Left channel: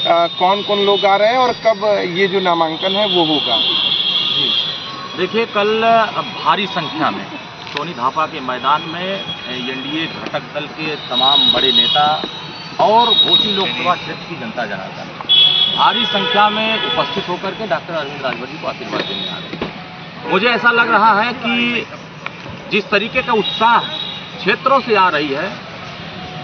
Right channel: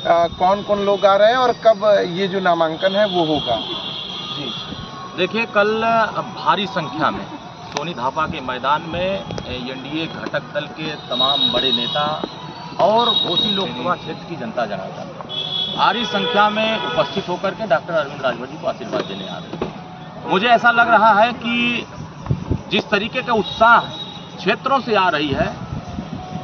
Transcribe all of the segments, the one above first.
कौन कौन लोग आ रहे हैं और कब ये जो नामांकन है वो होगा? जी देखिए, कल भारी संख्या में सोनी धापा के मैदान में एनडीए घटक दल के तमाम बड़े नेता और घोसी लोकसभा क्षेत्र की जनता जनार्दन भारी संख्या में उपस्थित होकर के डॉक्टर अरविंद राजभर जी को आशीर्वाद देने आ रहे हैं। मुझे ऐसा लग रहा है कि जिस तरीके का उत्साह क्षेत्रों से आ रही है,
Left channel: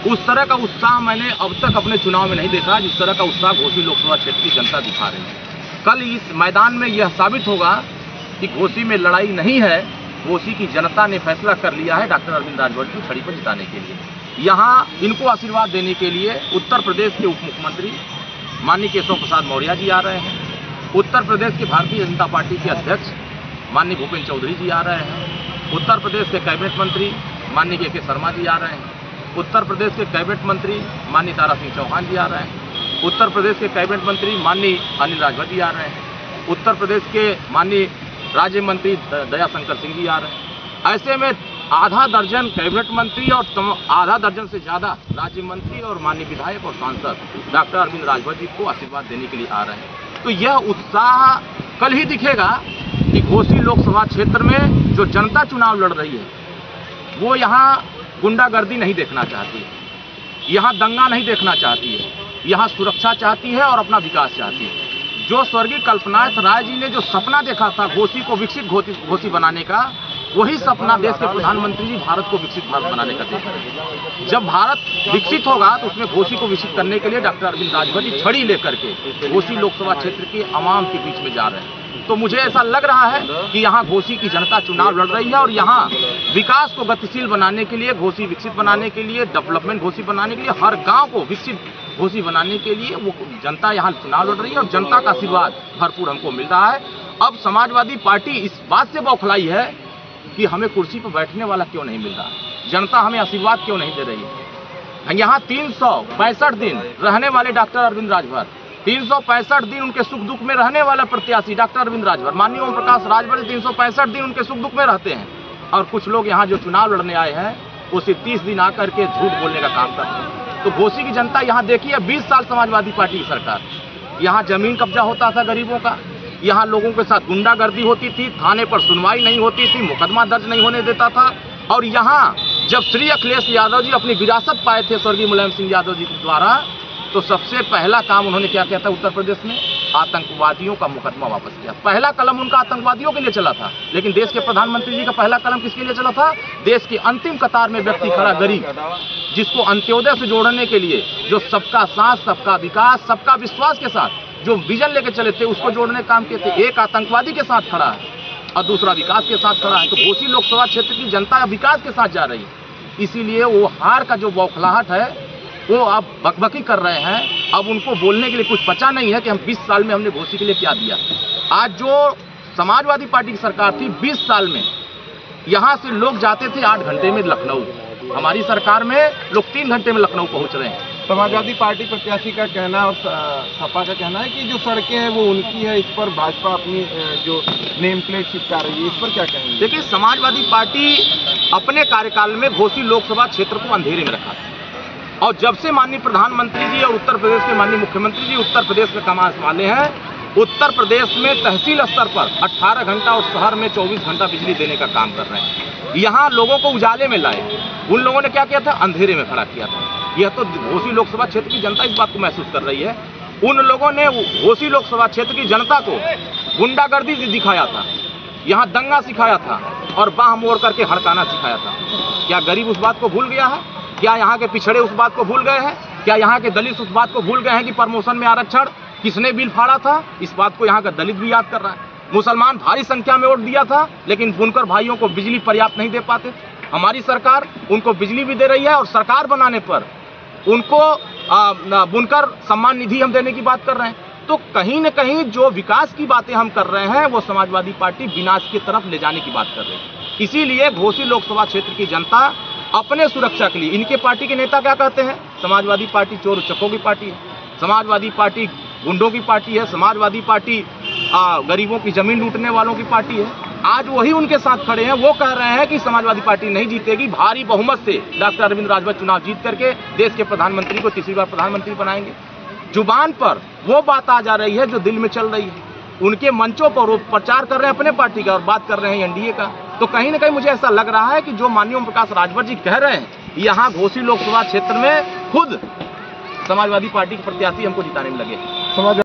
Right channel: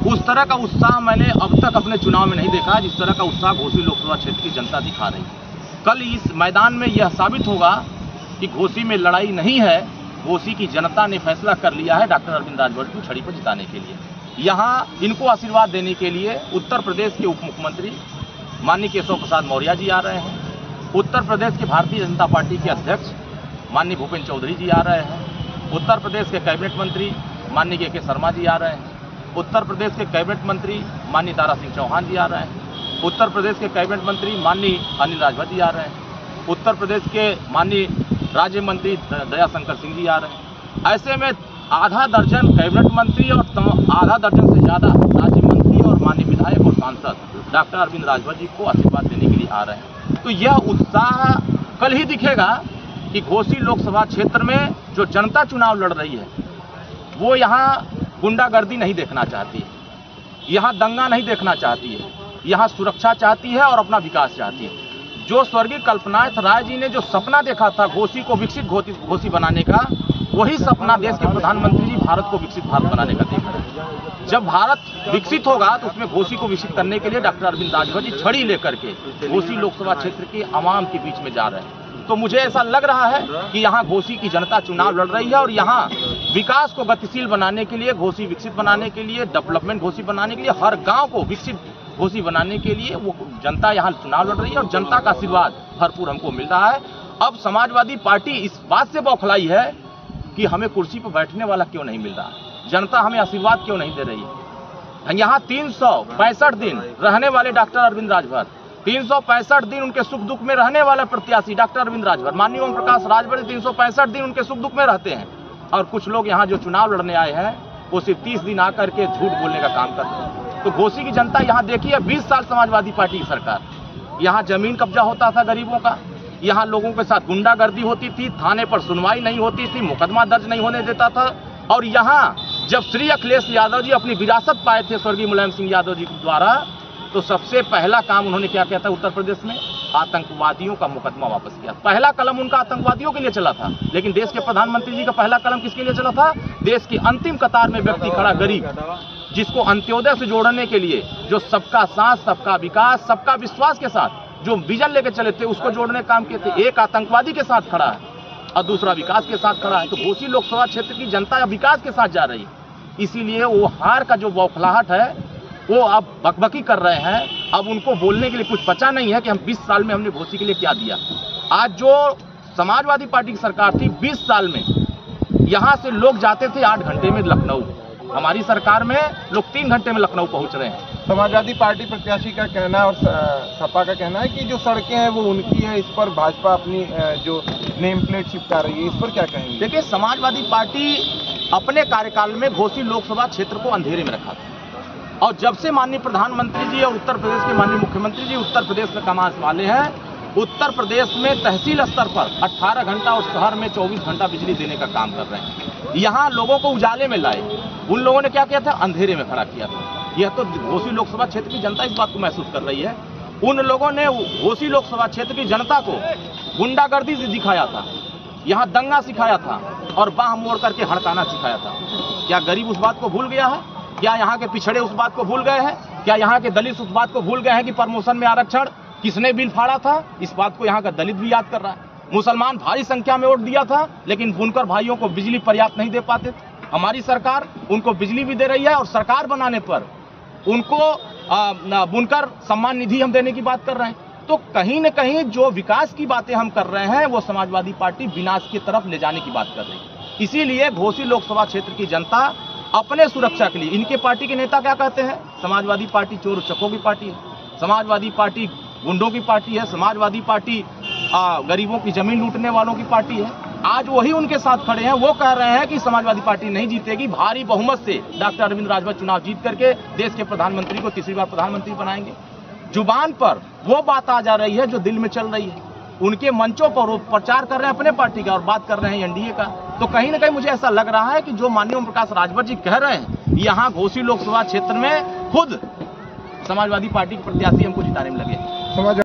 उस तरह का उत्साह मैंने अब तक अपने चुनाव में नहीं देखा। जिस तरह का उत्साह घोसी लोकसभा क्षेत्र की जनता दिखा रही है, कल इस मैदान में यह साबित होगा कि घोसी में लड़ाई नहीं है। घोसी की जनता ने फैसला कर लिया है डॉक्टर अरविंद राजभर को छड़ी पर जिताने के लिए। यहाँ इनको आशीर्वाद देने के लिए उत्तर प्रदेश के उप मुख्यमंत्री माननीय केशव प्रसाद मौर्य जी आ रहे हैं। उत्तर प्रदेश के भारतीय जनता पार्टी के अध्यक्ष माननीय भूपेंद्र चौधरी जी आ रहे हैं। उत्तर प्रदेश के कैबिनेट मंत्री माननीय के शर्मा जी आ रहे हैं। उत्तर प्रदेश के कैबिनेट मंत्री माननीय दारा सिंह चौहान जी आ रहे हैं। उत्तर प्रदेश के कैबिनेट मंत्री माननीय अनिल राजभर जी आ रहे हैं। उत्तर प्रदेश के माननीय राज्य मंत्री दया शंकर सिंह जी आ रहे हैं। ऐसे में आधा दर्जन कैबिनेट मंत्री और आधा दर्जन से ज़्यादा राज्य मंत्री और माननीय विधायक और सांसद डॉक्टर अरविंद राजभर जी को आशीर्वाद देने के लिए आ रहे हैं। तो यह उत्साह कल ही दिखेगा कि घोसी लोकसभा क्षेत्र में जो जनता चुनाव लड़ रही है वो यहाँ गुंडागर्दी नहीं देखना चाहती है, यहाँ दंगा नहीं देखना चाहती है, यहाँ सुरक्षा चाहती है और अपना विकास चाहती है। जो स्वर्गीय कल्पनाथ राय जी ने जो सपना देखा था घोसी को विकसित घोसी बनाने का, वही सपना देश के प्रधानमंत्री जी भारत को विकसित भारत बनाने का देख रहे हैं। जब भारत विकसित होगा तो उसमें घोसी को विकसित करने के लिए डॉक्टर अरविंद राजभर जी छड़ी लेकर के घोसी लोकसभा क्षेत्र के आवाम के बीच में जा रहे हैं। तो मुझे ऐसा लग रहा है कि यहाँ घोसी की जनता चुनाव लड़ रही है और यहाँ विकास को गतिशील बनाने के लिए, घोसी विकसित बनाने के लिए, डेवलपमेंट घोसी बनाने के लिए, हर गाँव को विकसित घोसी बनाने के लिए वो जनता यहाँ चुनाव लड़ रही है और जनता का आशीर्वाद भरपूर हमको मिल रहा है। अब समाजवादी पार्टी इस बात से बौखलाई है कि हमें कुर्सी पर बैठने वाला क्यों नहीं मिल रहा, जनता हमें आशीर्वाद क्यों नहीं दे रही है। यहाँ 365 दिन रहने वाले डॉक्टर अरविंद राजभर, 365 दिन उनके सुख दुख में रहने वाला प्रत्याशी डॉक्टर अरविंद राजभर, माननीय ओम प्रकाश राजभर 365 दिन उनके सुख दुख में रहते हैं। और कुछ लोग यहाँ जो चुनाव लड़ने आए हैं वो सिर्फ 30 दिन आकर के झूठ बोलने का काम करते हैं। तो घोसी की जनता यहाँ देखिए, 20 साल समाजवादी पार्टी की सरकार, यहाँ जमीन कब्जा होता था गरीबों का, यहाँ लोगों के साथ गुंडागर्दी होती थी, थाने पर सुनवाई नहीं होती थी, मुकदमा दर्ज नहीं होने देता था। और यहाँ जब श्री अखिलेश यादव जी अपनी विरासत पाए थे स्वर्गीय मुलायम सिंह यादव जी द्वारा, तो सबसे पहला काम उन्होंने क्या किया था उत्तर प्रदेश में, आतंकवादियों का मुकदमा वापस किया। पहला कलम उनका आतंकवादियों के लिए चला था, लेकिन देश के प्रधानमंत्री जी का पहला कलम किसके लिए चला था? देश की अंतिम कतार में व्यक्ति खड़ा गरीब, जिसको अंत्योदय से जोड़ने के लिए, जो सबका साथ, सबका विकास, सबका विश्वास के साथ जो विजन लेके चले थे, उसको जोड़ने का काम किए थे। एक आतंकवादी के साथ खड़ा है और दूसरा विकास के साथ खड़ा है। तो घोसी लोकसभा क्षेत्र की जनता विकास के साथ जा रही है, इसीलिए वो हार का जो बौखलाहट है वो अब बकबकी कर रहे हैं। अब उनको बोलने के लिए कुछ बचा नहीं है कि हम 20 साल में हमने घोसी के लिए क्या दिया। आज जो समाजवादी पार्टी की सरकार थी, 20 साल में यहाँ से लोग जाते थे 8 घंटे में लखनऊ, हमारी सरकार में लोग 3 घंटे में लखनऊ पहुँच रहे हैं। समाजवादी पार्टी प्रत्याशी का कहना और सपा का कहना है कि जो सड़कें हैं वो उनकी है, इस पर भाजपा अपनी जो नेम प्लेट चिपका रही है, इस पर क्या कहेंगे? देखिए, समाजवादी पार्टी अपने कार्यकाल में घोसी लोकसभा क्षेत्र को अंधेरे में रखा था और जब से माननीय प्रधानमंत्री जी और उत्तर प्रदेश के माननीय मुख्यमंत्री जी उत्तर प्रदेश में कमान संभाले हैं, उत्तर प्रदेश में तहसील स्तर पर 18 घंटा और शहर में 24 घंटा बिजली देने का काम कर रहे हैं। यहाँ लोगों को उजाले में लाए, उन लोगों ने क्या किया था? अंधेरे में खड़ा किया था। यह तो घोसी लोकसभा क्षेत्र की जनता इस बात को महसूस कर रही है। उन लोगों ने घोसी लोकसभा क्षेत्र की जनता को गुंडागर्दी से दिखाया था, यहाँ दंगा सिखाया था और बाह मोड़ करके हड़काना सिखाया था। क्या गरीब उस बात को भूल गया है? क्या यहाँ के पिछड़े उस बात को भूल गए हैं? क्या यहाँ के दलित उस बात को भूल गए हैं कि प्रमोशन में आरक्षण किसने बिल फाड़ा था? इस बात को यहाँ का दलित भी याद कर रहा है। मुसलमान भारी संख्या में वोट दिया था, लेकिन बुनकर भाइयों को बिजली पर्याप्त नहीं दे पाते थे। हमारी सरकार उनको बिजली भी दे रही है और सरकार बनाने पर उनको बुनकर सम्मान निधि हम देने की बात कर रहे हैं। तो कहीं न कहीं जो विकास की बातें हम कर रहे हैं वो समाजवादी पार्टी विनाश की तरफ ले जाने की बात कर रही है। इसीलिए घोसी लोकसभा क्षेत्र की जनता अपने सुरक्षा के लिए, इनके पार्टी के नेता क्या कहते हैं? समाजवादी पार्टी चोर उचक्कों की पार्टी है, समाजवादी पार्टी गुंडों की पार्टी है, समाजवादी पार्टी गरीबों की जमीन लूटने वालों की पार्टी है। आज वही उनके साथ खड़े हैं, वो कह रहे हैं कि समाजवादी पार्टी नहीं जीतेगी, भारी बहुमत से डॉक्टर अरविंद राजभर चुनाव जीत करके देश के प्रधानमंत्री को तीसरी बार प्रधानमंत्री बनाएंगे। जुबान पर वो बात आ जा रही है जो दिल में चल रही है। उनके मंचों पर वो प्रचार कर रहे हैं अपने पार्टी का और बात कर रहे हैं एनडीए का। तो कहीं ना कहीं मुझे ऐसा लग रहा है कि जो माननीय ओम प्रकाश राजभर जी कह रहे हैं, यहाँ घोसी लोकसभा क्षेत्र में खुद समाजवादी पार्टी के प्रत्याशी हमको जिताने में लगे।